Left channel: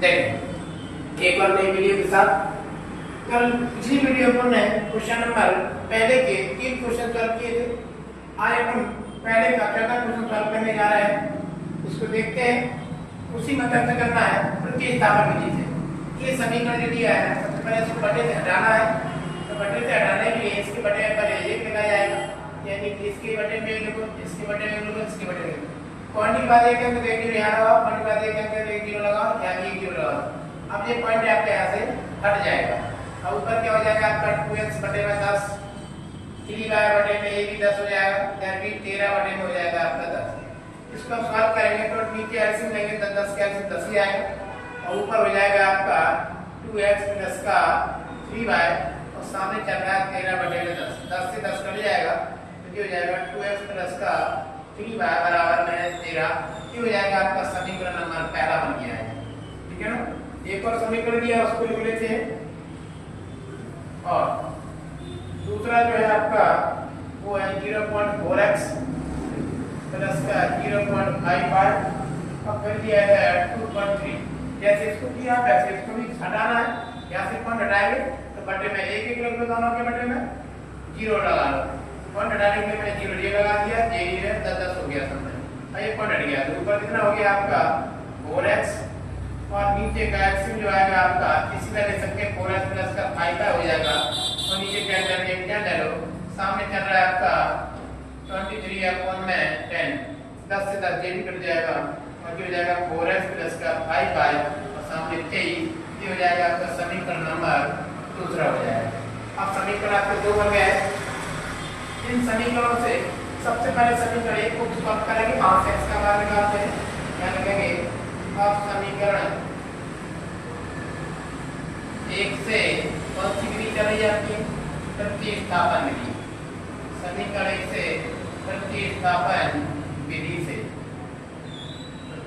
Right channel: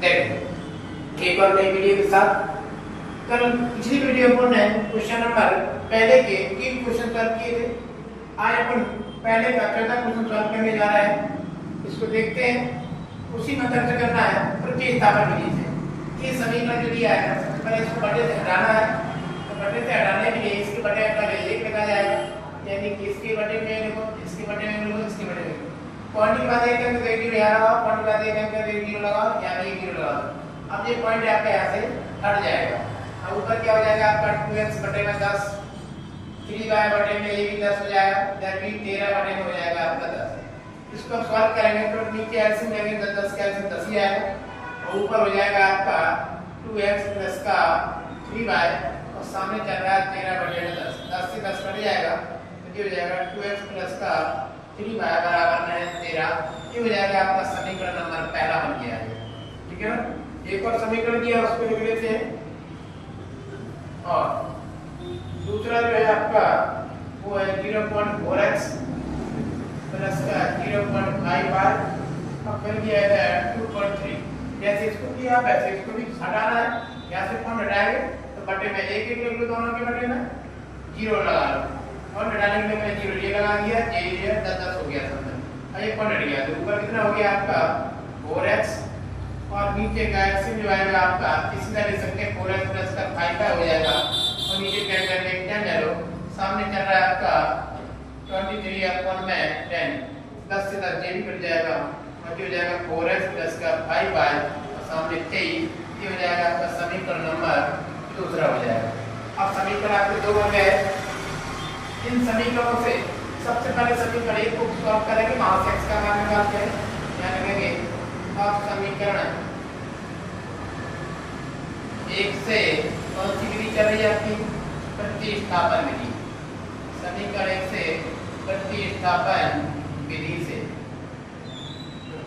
देखें एक और नई वीडियो के साथ। कल पिछली वीडियो अपन ने क्वेश्चन नंबर पहले के 3 क्वेश्चन सॉल्व किए थे। आज अपन पहले का चौथा क्वेश्चन सॉल्व करने जा रहे हैं। इसको देखते हैं। उसी मेथड से करना है, प्रतिस्थापन विधि से। ये समीकरण जो दिया है सबसे पहले इसको बटे से हटाना है। तो बटे से हटाने के लिए इसके बटे पर 1 लगाया जाएगा, यानी कि इसके बटे में लिखो, इसके बटे में लिखो, इसके बटे में पॉइंट के बाद एक अंक तो 1 यहाँ लगाओ, पॉइंट के बाद एक अंक 1 0 लगाओ, यहाँ 1 0 लगाओ। अब ये पॉइंट आपका यहाँ से हट जाएगा। अब ऊपर क्या हो जाएगा आपका 2x बटे में 10, 3y बटे में ये भी 10 हो जाएगा, दैट मीन 13 बटे में हो जाएगा आपका 10। इसको आप सॉल्व करेंगे तो नीचे एलसीएम लेंगे तो 10 का एलसीएम 10 ही आएगा और ऊपर हो जाएगा आपका 2x प्लस का 3y और सामने चल रहा है 13 बटे में 10, 10 से 10 कट जाएगा तो क्या हो जाएगा 2x प्लस का 3y बराबर में 13। ये हो जाएगा आपका समीकरण नंबर पहला बन गया है। ठीक है ना। एक और समीकरण दिया उसको लिख लेते हैं और दूसरा जो है आपका वो है 0.4x प्लस का 0.55 अब कर दिया है 2.3। जैसे इसको किया वैसे इसको भी हटाना है। यहाँ से पॉइंट हटाएंगे तो बटे में 1 1 लिख दो, दोनों के बटे में 0 लगा लो। पॉइंट हटाने के लिए मैंने 0 ये लगा दिया, ये 10 10 हो गया सब में। अब ये पॉइंट हट गया तो ऊपर कितना हो गया आपका 4x और नीचे का एलसीएम जो आएगा आपका इसी तरह ले सकते हैं 4x प्लस का 5y हो जाएगा और नीचे क्या करके 10 डालो, सामने चल रहा है आपका 23 अपॉन में 10, 10 से 10 ये भी कट जाएगा और क्या हो जाएगा 4x प्लस का 5y और सामने 23। ये हो जाएगा आपका समीकरण नंबर दूसरा हो जाएगा। अब समीकरण आपके 2 बन गए। इन समीकरणों से सबसे पहले समीकरण 1 को सॉल्व करेंगे, वहां से x का मान निकालते हैं। क्या लिखेंगे अब समीकरण 1 से कौन सी विधि चल रही है आपकी प्रतिस्थापन विधि। समीकरण 1 से प्रतिस्थापन विधि से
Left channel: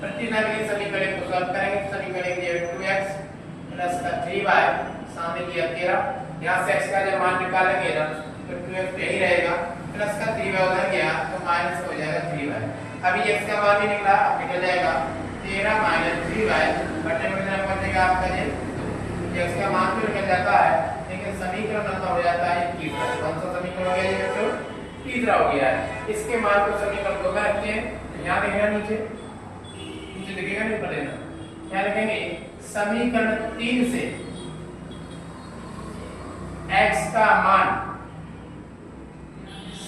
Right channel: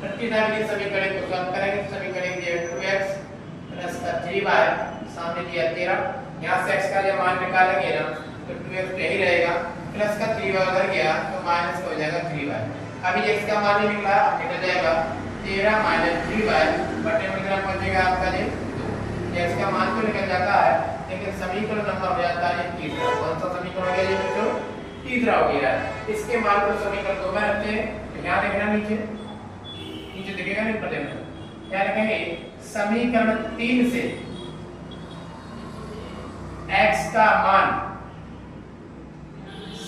प्रतिस्थापन विधि समीकरण को सॉल्व करेंगे। समीकरण दिया 2x प्लस का 3y सामने दिया 13, यहाँ से x का जब मान निकालेंगे ना तो 2x यही रहेगा, प्लस का 3y उधर गया तो माइनस हो जाएगा 3y। अभी x का मान ही निकला, अब निकल जाएगा 13 माइनस 3y बटे में कितना पहुंचेगा आपका ये 2। x का मान तो निकल जाता है लेकिन समीकरण नंबर हो जाता है तीसरा। कौन सा समीकरण हो गया ये बच्चों? तीसरा हो गया है। इसके मान को समीकरण 2 में रखते हैं तो यहाँ देखना नीचे दिखेगा नहीं, ऊपर देखना। क्या लिखेंगे समीकरण 3 से x का मान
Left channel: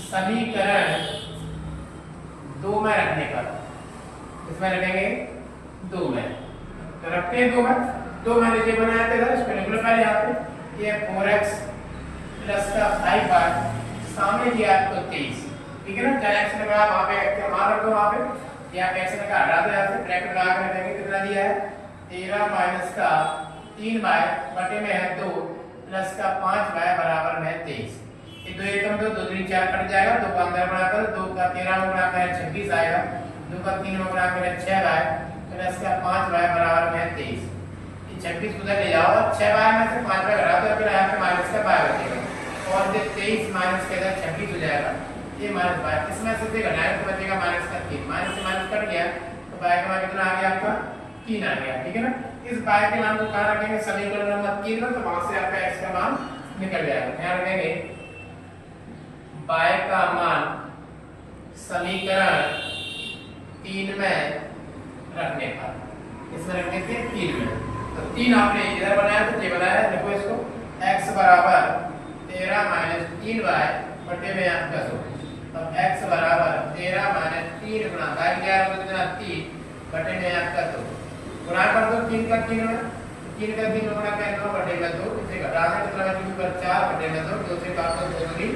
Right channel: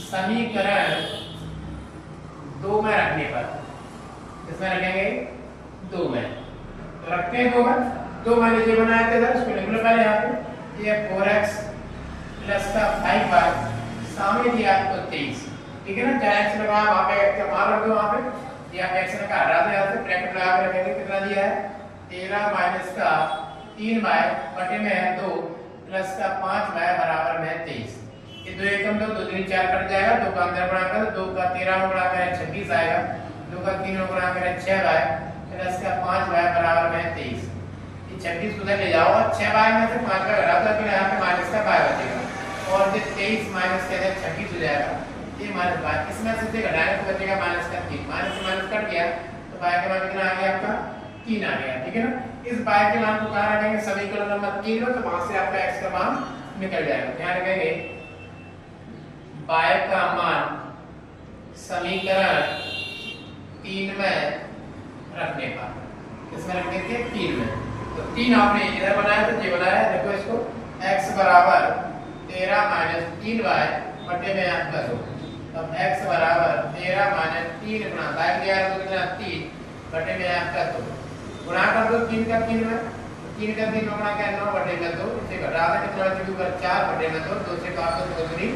समीकरण 2 में रखने पर इसमें रखेंगे 2 में, तो रखते हैं 2 में। 2 में लीजिए बनाया था इसको लिख लो पहले यहाँ पे। ये 4x प्लस का 5y सामने दिया आपको 23। ठीक है ना। क्या x लगा वहां पे x का मान रख दो, वहां पे यहाँ पे x लगा हटा दो, यहाँ से ब्रैकेट लगा कर रखेंगे। कितना दिया है 13 माइनस का 3y बटे में है 2 प्लस का 5y बराबर में 23। ये 2 एकम 2 2 3 4 कट जाएगा, 2 का अंदर बनाकर 2 का 13 में बनाकर 26 आएगा, 2 का 3 में बनाकर 6y प्लस का 5y बराबर में 23। ये 26 उधर ले जाओ और 6y में से 5y घटा दो, फिर यहाँ पे माइनस का y बचेगा और ये 23 माइनस के 26 हो जाएगा। ये माइनस y इसमें से घटाएंगे तो बचेगा माइनस का 3, माइनस से माइनस कट गया तो y का मान कितना आ गया आपका 3 आ गया। ठीक है ना। इस y के मान को कहां रखेंगे समीकरण नंबर 3 में, तो वहां से आपका x का मान निकल जाएगा। क्या रखेंगे y का मान समीकरण 3 में रखने पर इसमें रख देते हैं 3 में। तो 3 आपने इधर बनाया तो ये बनाया, देखो इसको x बराबर 13 माइनस 3y बटे में आपका 2। तब x बराबर 13 माइनस 3 गुणा 11 तो कितना 3 बटे में आपका 2 गुणा कर दो 3 का 3 में, 3 का 3 गुणा क्या 9 बटे में 2, इसे घटा दें कितना बचेगा 4 बटे में 2, 2 से काट दो 2 3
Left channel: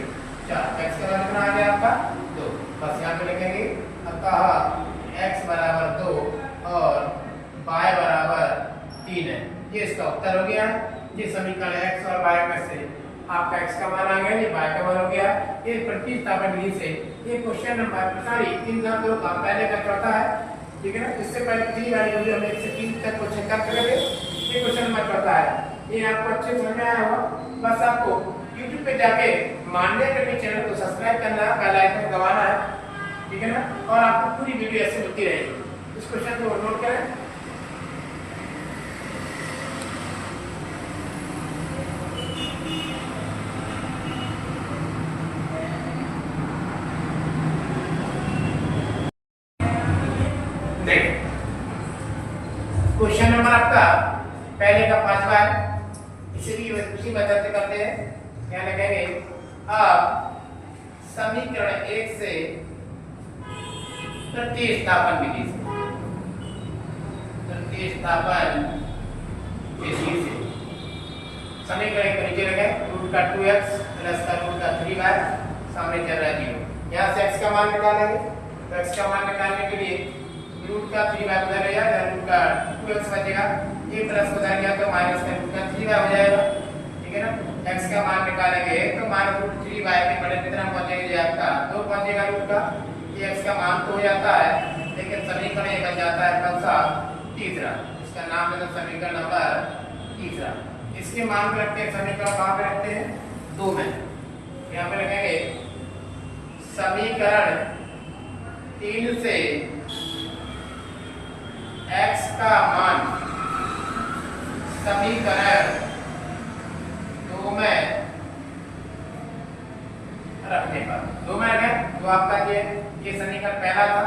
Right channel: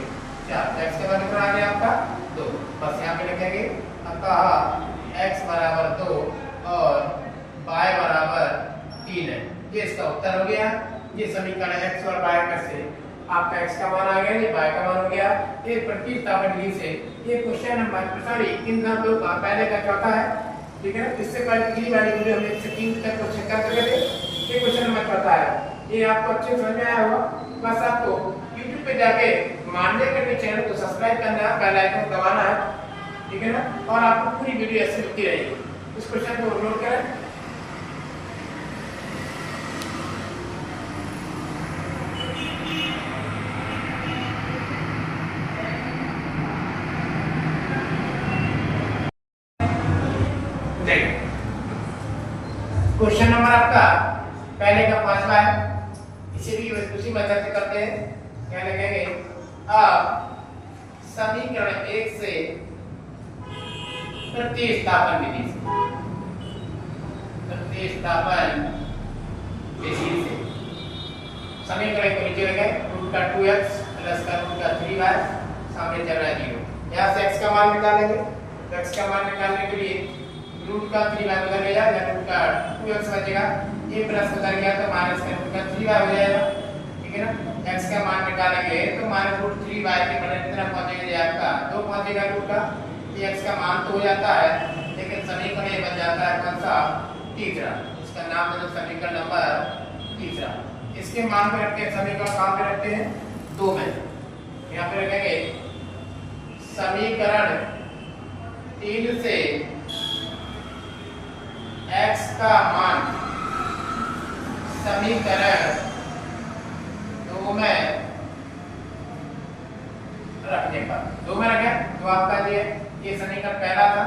4, x का मान कितना आ गया आपका 2। बस यहाँ पे लिखेंगे अतः x बराबर 2 और y बराबर 3 है। ये इसका उत्तर हो गया। ये समीकरण x और y में से आपका x का मान आ गया, ये y का मान हो गया। ये प्रतिस्थापन विधि से ये क्वेश्चन नंबर सॉरी 3 का 2 का पहले का चौथा है। ठीक है ना। इससे पहले पिछली वाली वीडियो हमने 1 से 3 तक क्वेश्चन कर चुके थे। ये क्वेश्चन नंबर चौथा है। ये आपको अच्छे समझ में आया होगा। बस आपको YouTube पे जाके मान्य करके चैनल को सब्सक्राइब करना है, बेल आइकन दबाना है। ठीक है ना। और आपको पूरी वीडियो ऐसे मिलती रहेगी। इस क्वेश्चन को नोट करें। देखिए क्वेश्चन नंबर आपका पहले का 5वां है, इसे भी उसी मेथड से करते हैं। क्या लिखेंगे, अब समीकरण 1 से प्रतिस्थापन विधि से समीकरण को नीचे रखें, रूट का 2x प्लस का रूट का 3y, सामने चल रहा है 0। यहाँ से x का मान निकालेंगे, तो x का मान निकालने के लिए रूट का 3y उधर ले जाएगा, रूट का 2x बचेगा, ये प्लस उधर गया तो माइनस का रूट का 3y हो जाएगा, ठीक है ना। x का मान निकालेंगे तो मान रूट 3y के बड़े कितना पहुंचेगा, आपका 2 पहुंचेगा रूट का, ये x का मान तो हो जाता है, लेकिन समीकरण ये बन जाता है कौन सा, तीसरा। इसका नाम देना समीकरण नंबर तीसरा। इसके मान पे रखते हैं समीकरण, कहां पे रखते हैं, 2 में। यहाँ पे रखेंगे समीकरण 3 से x का मान समीकरण 2 में रखने पर, 2 में रखें तो आपका ये समीकरण पहला था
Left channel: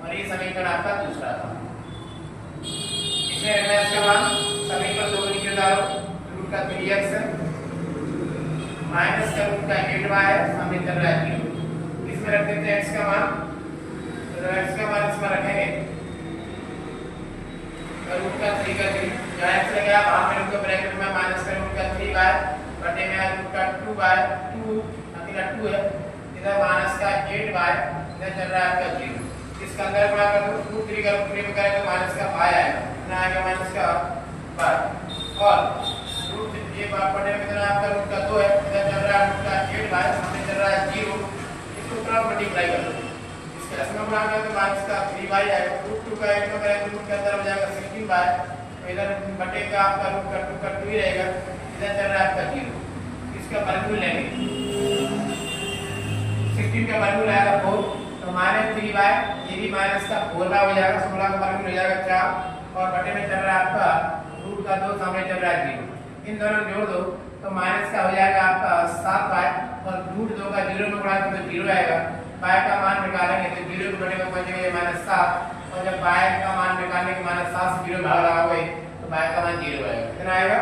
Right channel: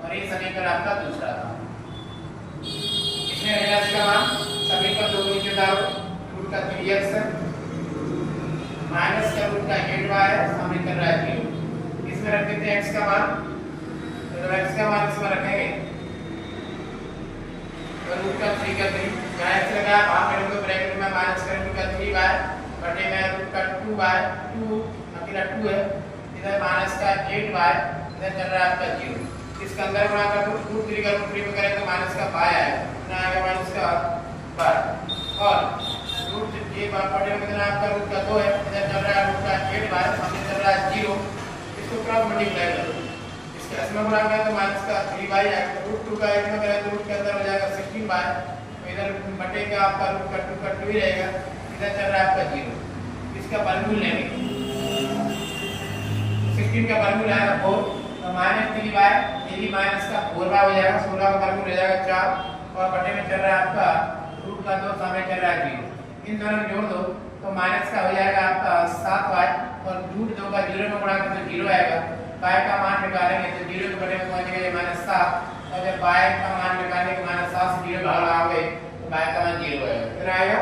और ये समीकरण आपका दूसरा था। इसमें रखना इसका मान समीकरण 2 को नीचे डालो, रूट का 3x माइनस का रूट का 8y है, सामने चल रहा है 0। इसमें रख देते हैं x का मान, तो x का मान इसमें रखेंगे तो रूट का 3 का 3, यहाँ x लगा वहां पे लिख दो ब्रैकेट में माइनस का रूट का 3y बटे में रूट का 2y, 2 अकेला 2 है, इधर माइनस का 8y, इधर चल रहा है आपका 0। इसका अंदर गुणा कर दो, रूट 3 का रूट 3 में करें तो माइनस का 5 आएगा, ना आएगा माइनस का 5 और रूट ये बटे में कितना आपका रूट का 2 है, इधर चल रहा है रूट का 8y, सामने चल रहा है 0। इसको क्रॉस मल्टीप्लाई कर दो, इसके इसमें गुणा करें तो माइनस का 3y आएगा, रूट 2 का 1 में करें तो रूट के अंदर हो जाएगा 16y, तो इधर बटे का आपका रूट का 2 ही रहेगा, इधर चल रहा है आपका 0। इसका वर्गमूल लेंगे, 16 का वर्गमूल आएगा 4, तो माइनस 3y, ये भी माइनस का 4y हो जाएगा, 16 का वर्गमूल हो जाएगा 4 और बटे में चल रहा है आपका रूट का 2, सामने चल रहा है 0। इन दोनों को जोड़ दो तो माइनस का हो जाएगा आपका 7y और रूट 2 का 0 में गुणा करें तो 0 आएगा, y का मान निकालेंगे तो 0 के बटे में पहुंचेगा -7 और जब y का मान निकालने के -7 से 0 भाग लगाओगे तो y का मान 0 आएगा, कितना आएगा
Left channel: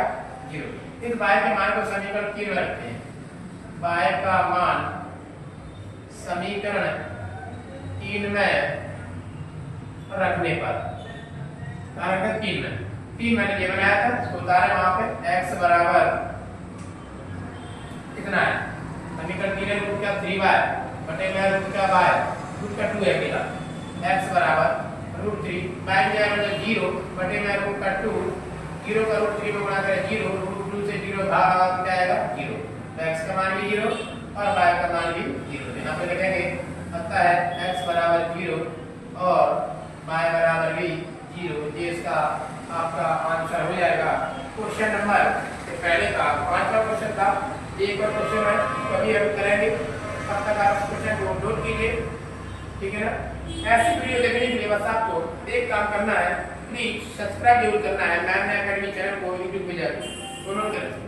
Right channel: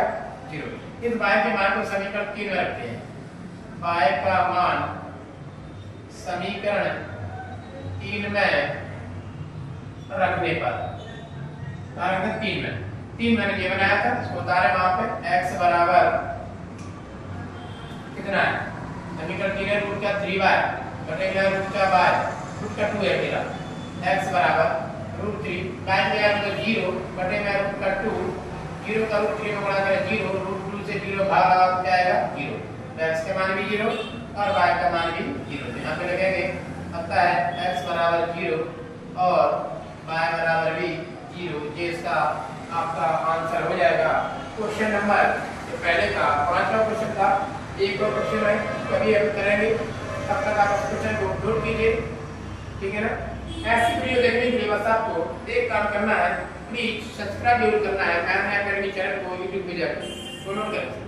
0। इस y के मान को समीकरण 3 में रखते हैं, y का मान समीकरण 3 में रखने पर, कारण 3 मैंने ये बनाया था, इसको उतारे वहां पे x बराबर कितना है, समीकरण 3 है रूट का 3y बटे में रूट का y, रूट का 2 है अकेला, x बराबर रूट 3 y में है तो 0 बटे में रूट का 2, 0 का रूट 3 में गुणा करें 0, रूट 2 से 0 भाग लगा तो क्या आएगा 0, तो x का मान भी 0 और y का मान भी 0। यहाँ पे लिखेंगे पता है x बराबर 0 और y बराबर भी 0, ये इसका आपका आंसर हो जाएगा। क्वेश्चन नंबर पहले का 5वां क्वेश्चन था, एक और क्वेश्चन है कभी अभी करेंगे, तब तक आप इस क्वेश्चन को नोट कीजिए, ठीक है ना। ऐसी वीडियो देखने के लिए बस आपको एक काम करना है, प्लीज सब्सक्राइब जरूर करना है मैम अकेडमी चैनल को यूट्यूब पे जाकर, तो नोट करें।